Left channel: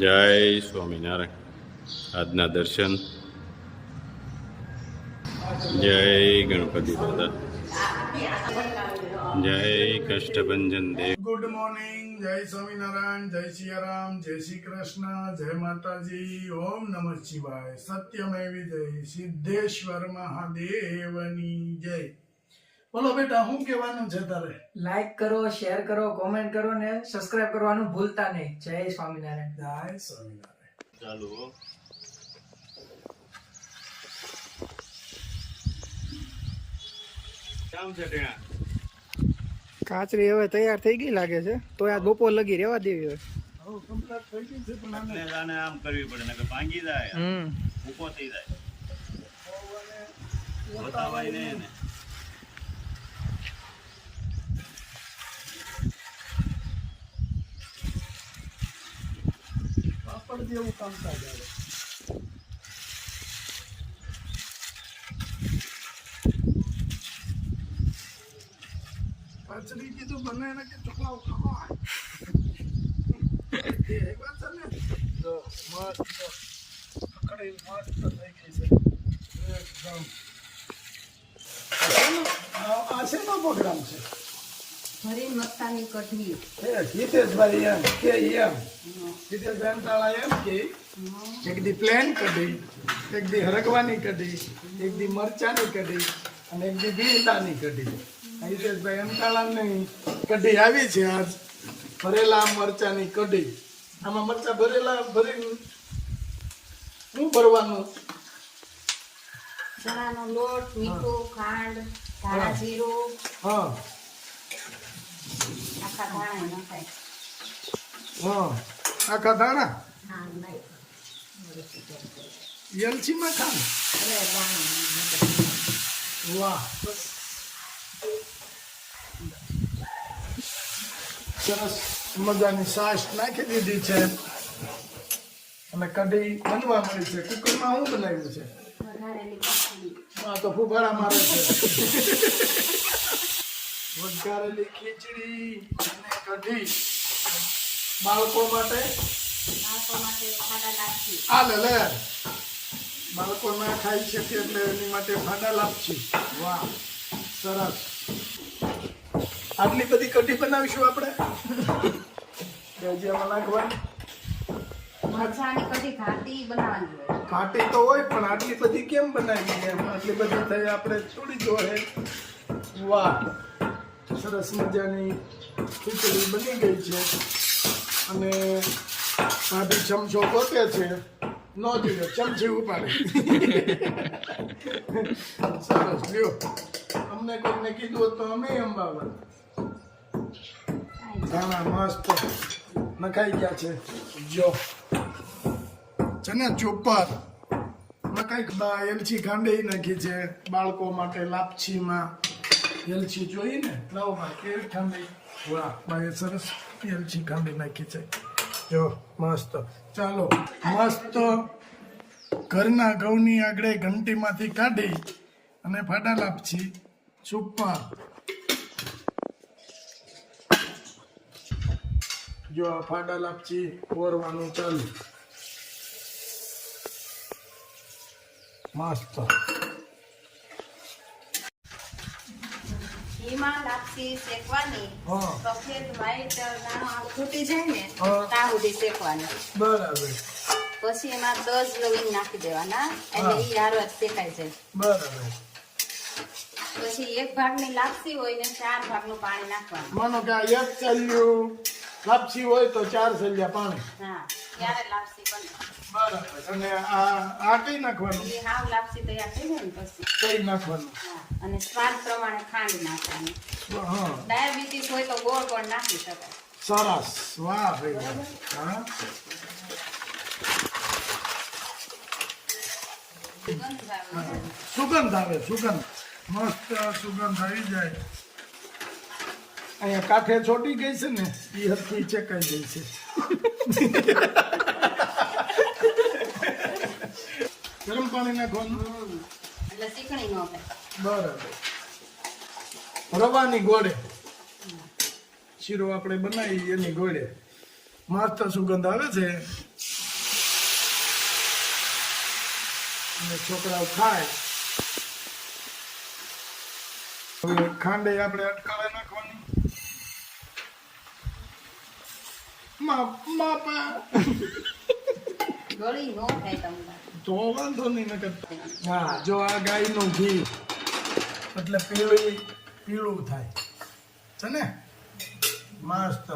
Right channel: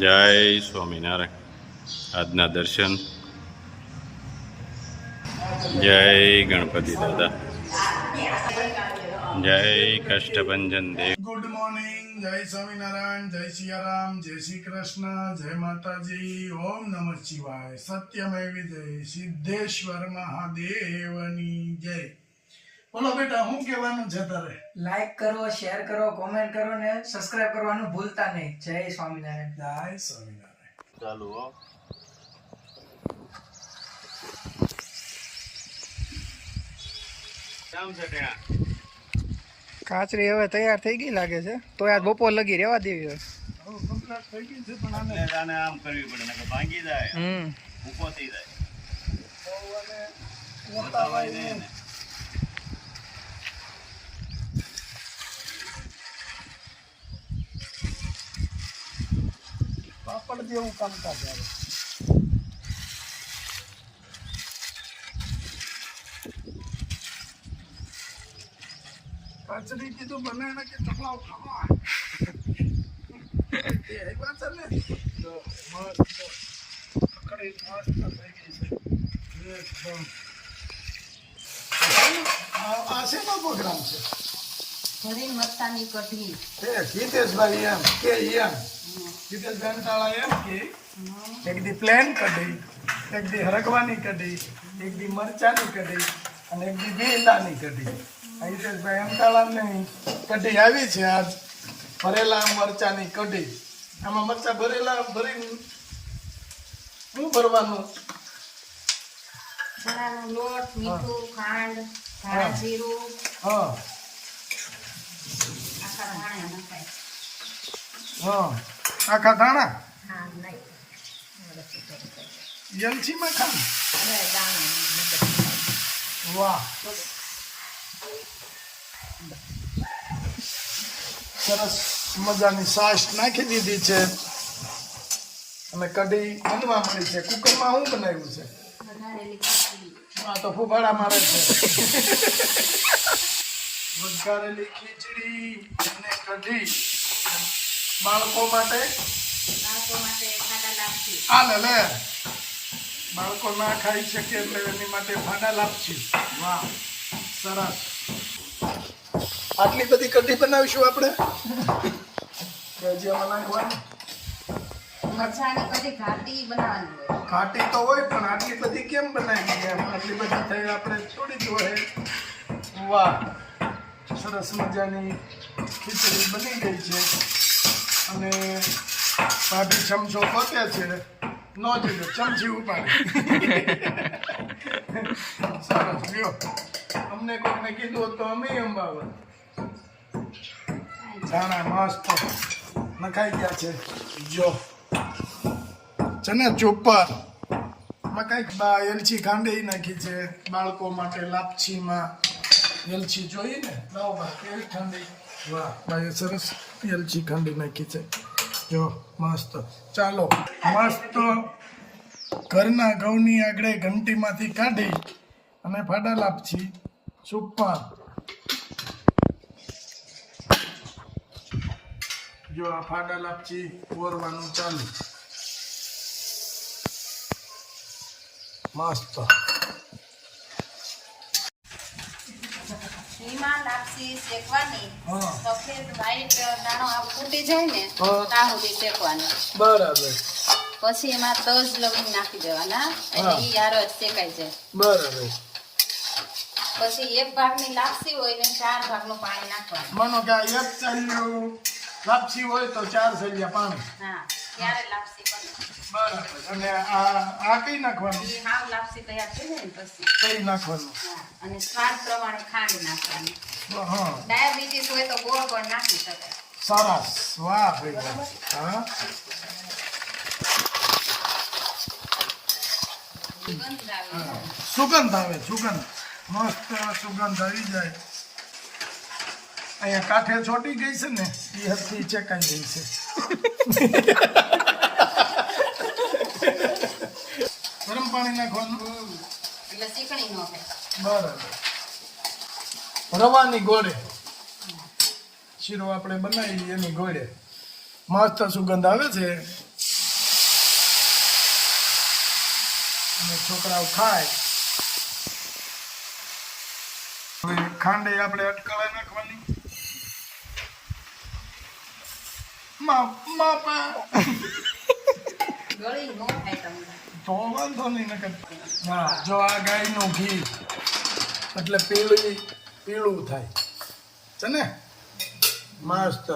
જય સ્વામિનારાયણ. આજના દર્શન. જય ગણપતિ દાદા. જય કષ્ટભંજન દેવ. Good morning. જય સ્વામિનારાયણ. જય સિયારામ. જય શ્રી કૃષ્ણ. જય માતાજી. ઓમ નમઃ શિવાય. સત્યમેવ જય. સિદ્ધેશ્વર મહાદેવની જય. બોલો બેટા, શું કહેવાનું છે તારે? લાઈક કરો, શેર કરો, કોમેન્ટ કરો ને સબસ્ક્રાઇબ કરવાનું ભૂલતા નહીં. જય સ્વામિનારાયણ. જય સ્વામિનારાયણ. ચાલુ હો. કેમ છે ટેણા? કાચરી હવે તૈયાર થઈ ગઈ લાગે છે, તો આજ બપોર લગી રહેવા દેવી હવે. હવે કમ્પ્લીટ થઈ ગઈ છે, પણ આને આમ કરવી પડે, નકર ભાંગી જાય, ઊભો થઈ જાય. બતાવાય નહીં ને. પાપડ જેવું કામકાજ આવે. કાચરી કીધું બને ને કે ચકલાઓ ખાવા એ વાત છે ને. જો મસ્ત કકડી મસ્ત થઈ ગઈ છે એકદમ. આ શેનો પ્રોગ્રામ છે? ભરી મરચાની કઢી. એ હિતેશભાઈ એમ કે હિતેશભાઈ તાળા એમ કે એક દી પ્લેન કઢી, એક દી હરગવાની કઢી, એક દી મરચાની કઢી અને એક દી ભીંડાની કઢી. હિતેશભાઈ અંતાળાની કઢી આવી છે આજ. ભરેલા મરચાની કઢી. આમાં મરચા ભરેલા ભરી શું ભરવાનું? ચણાનો લોટ, મીઠું, ખાંડ, ધાણા જીરું, હા આખા ધાણા નખાય. હા આખા દાણા હા નહીં એલચીમાં ખાલી. અરે દાણા. વાહ, સરસ મજાની સાસ નાખી દીધી છે અને કઢી બનવા મળી છે. કુકરમાં શું બનાવ્યું છે? વઘારેલી ખીચડી. આ તો ફુફાડા મારે છે. વઘારેલી ખીચડી અને કઢી બાળકો માટે. બાળકો માટે ખાડા લાપસી. આ લે બાળકો ના ખાઈ શકે એટલે એની માટે ફાડા લાપસી. વાહ, સરસ. આટલી બધી કઢી બનાવીશું આપણે. ભજીયામાં નાખવાની. મરચાની કઢી ઘાટી બનાવવાની હોય. ઘાટી તો હોય પણ આટલી બધી કેમ બનાવી? એમ આટલી બધી થઈ આપણે થોડી જોડે. વાહ, સરસ મજાની ખીચડી બની ગઈ છે અને ભાભી ચમચો પોતે છે. ન જોઈએ ચમચી ઉપાડી. સરસ લ્યો. અમને કોઈને કીધું હોત તો અમે એમ બાબત. ધાણા મસ્ત નખાઈ ગયા છે. જો ચને ચોપર કઈક એલચી ખાંડી નાખી છે બાળકો માટે લાપસીમાં. એલચી જોઈએ ને, લાવો ભાઈ કેવી ખાંડી. વાહ ભાઈ, સરસ એલચી ખાંડી નાખી છે. જો મસ્ત. ચાલો, મસ્ત ઘરના ઘઉંની આગળ ઘંટીમાંથી કાઢી અને ફાડા લાપસી સુપર. જો આ ફાડા લાપસી ઓરવાનું ચાલુ. મસ્ત. એમાં લાપસી શેકવાની. હા. સફેદ વ્હાઈટ દાણો આ ફૂટી જાય ને હા. ત્યાં સુધી શેકવાની. બરાબર પછી એમાં તજ લવિંગ નાખી દેવાના એટલે ઈ હારો જ શેકાઈ જાય. બરાબર. પછી એક ભાગની લાપસી હોય ને 4 ભાગનું પાણી નાખવાનું. માનો કે આ એક ચાલ્યું લાપસી હોય તો 4 સલિયા પાણી. હા, ત્યારે લાપસી બને. બરાબર. અને આ કઈ નાખવાનું? એ હાવ લાપસી તૈયાર થઈ જાય ને પછી. કઈ નાખવાનું? હા, અને સ્વાદ પ્રમાણે ખાંડ નાખવાની. હા, ડાયાબિટીસ હોય તો ગોળ પણ નાખી શકાય. સરસ. વાહ ભાઈ. હા, સુગંધ આવે. સુગંધ આવે. સુગંધ મસ્ત સુગંધ આવી જાય. અહીંયા કાંઠે ચોટી ગઈ છે ને, એ હરથી ચેકાઈ ગઈ છે. ગરમ પાણી નાખવાનું. એટલે ચીકણી ન થાય. બરાબર. રવાની ગોળે શીરો આપણે બનાવી એની ગોળે મસ્ત સુગંધ આવે છે. અને છોકરાઓ ખાય. હવે ખાંડે આપણે અટકાળા નાખવાની. બાપા ગળી નો થાય તમને. તો વાંધો નહીં નકર. વાહ, જો આ ગાયનું ઘી એટલે પીળું થાય છે ને, મસ્ત.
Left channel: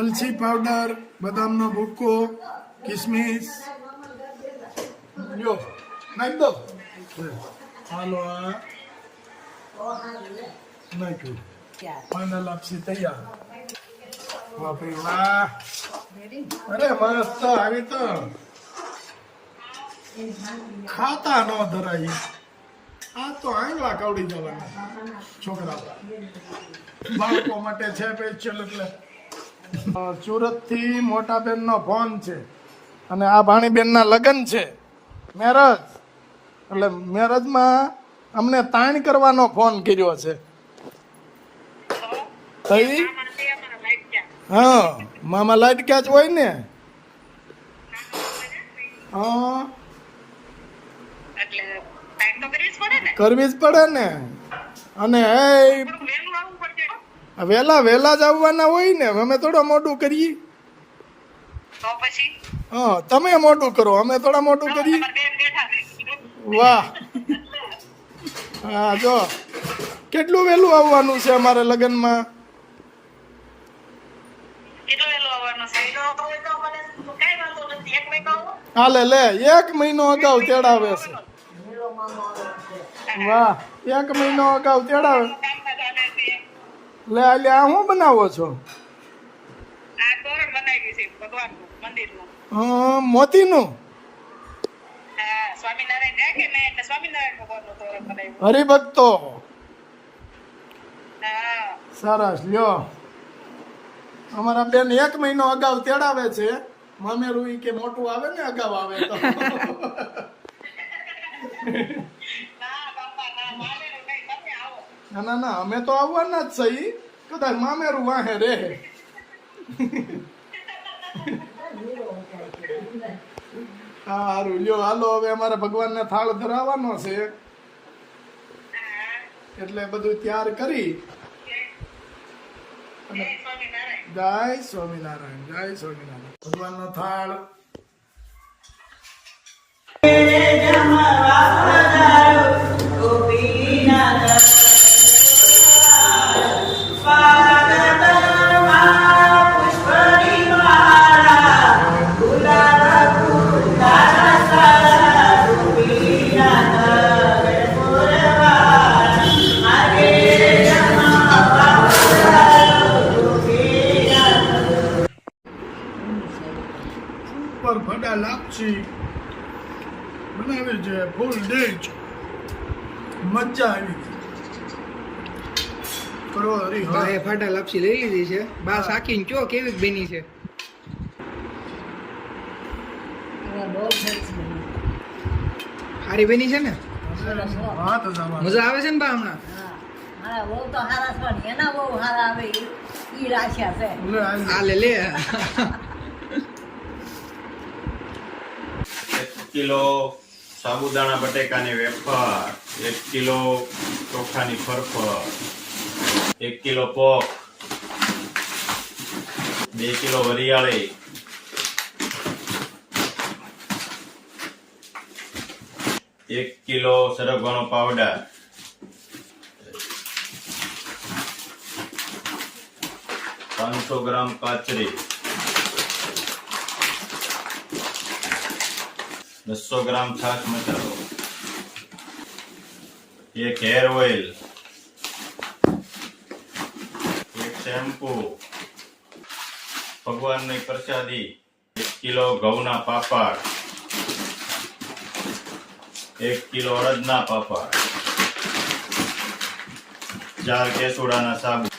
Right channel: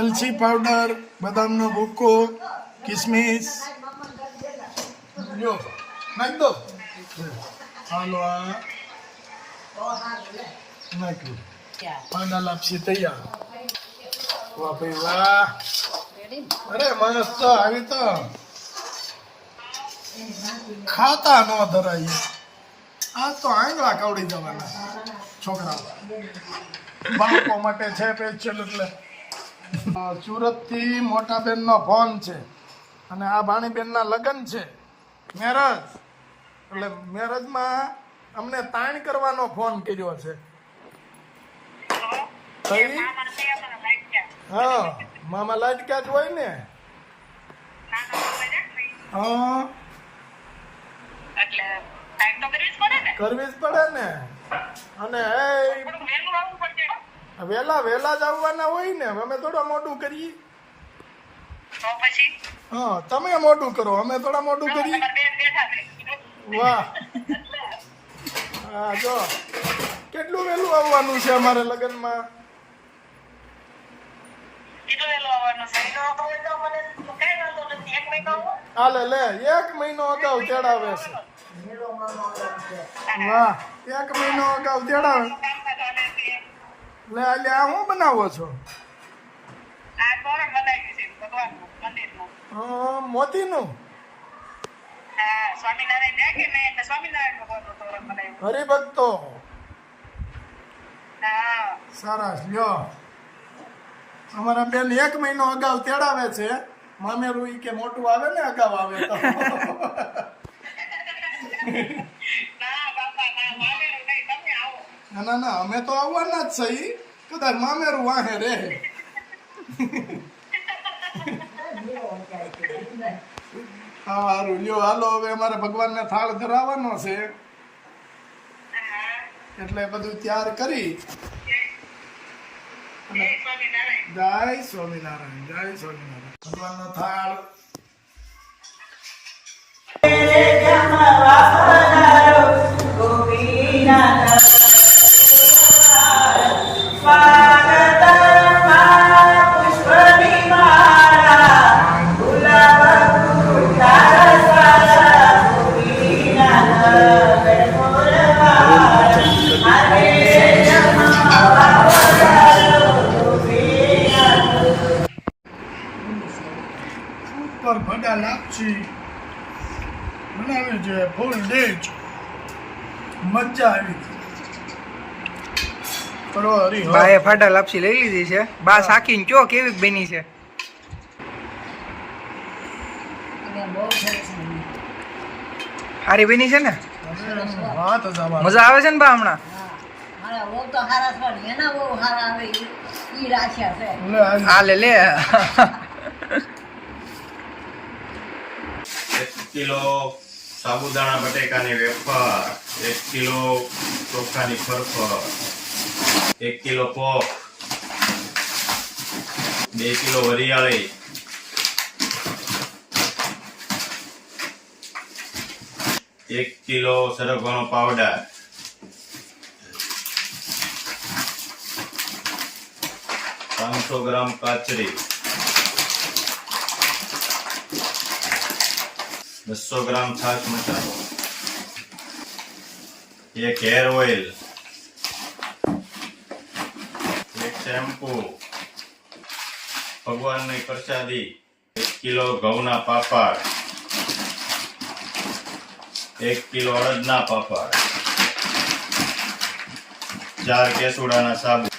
એલચી પાવડર, બદામનો ભૂકો, કિસમિસ લ્યો નાખી દો. હાલો આ નાખ્યું. પાના લાપસી તૈયાર. વાહ ભાઈ વાહ. અરે મસ્ત. આવી તો ખાતા ન ધરાય. આ તો આંગળા કવડી જવાના છોકરાઓ. બાળકો માટે છે સ્પેશિયલ. એટલે સુરત થી મોટા બેન નો ફોન છે અને આ ભાણીબેન ના લગ્ન છે, મેરેજ. એટલે મેરેજમાં અમને તાણ કરવાનો ફોન કર્યો છે. તઈ હા, મામા લાઈટ ક્યાં જ હોય ને. હા, કરવી જ પડે ને. અને વેલા જ આવવાના હોય ને, અમે થોડા મોડું કરીએ. હા, તમે મોડું કરો, અમે થોડા મોડું કરીએ. વાહ. હા, જો કેટલું વહેલું આવવાનું છે અમારે લગ્નમાં. હાલે લે, 1 મહિનો અગાઉ તેડાવે છે. વાહ, 1 મહિનો અગાઉ તેડાવે. લે લે, આ શું બનાવો છો? હા, મોતીનું. હરિભક્તો. સરસ. લ્યો, અમારા બેન 1 મહિનો અગાઉ તેડાવે છે. મામેરું ઈ કે મોટું આવે ને અગાઉ આવે તો. ના ના, અમે તો આવવાના જ સહી. કદાચ મામેરું વાહે રે. સારું. લ્યો હાલો, હવે અમારે ભગવાનને થાળ ધરાવવાનો છે એટલે બધું તૈયાર કરી. જય સ્વામિનારાયણ. જય સ્વામિનારાયણ. ભગવાનનો થાળ. ઉપર ભડા લાપસી બનાવી છે, ફૂલ ડીશ. મજા આવી ગઈ. કરો હરી. બાએ ફાટા લાપસી લઈ લીધી છે. બા સાકીને કયો કેવી બની છે? સારી બની છે ને? હા, તો જવા. મજા આવે છે ને બા હમણાં? મારા બહુ તો હારા છે પણ એના બહુ હારા આવે ઈ રાખ્યા છે. લે આવી. આ લે લે. 1 કિલો સાબુદાણા બટેકાની વેફર, 1 કિલો ચોખાની ફરફર, 1 કિલો પોપ, 2 કિલો વરિયાળી, 1 કિલો સરગવાનો પાવડર, 500 ગ્રામ કાચરી, 200 ગ્રામ છાશ મસાલો, 1 હેર ઓઇલ, 1 શેમ્પુ, ભગવાનની પ્રસાદી, 1 કિલો ઘઉંના પાપડ, 1 કિલો અડદના પાપડ, 4 કેસુડાના સાબુ,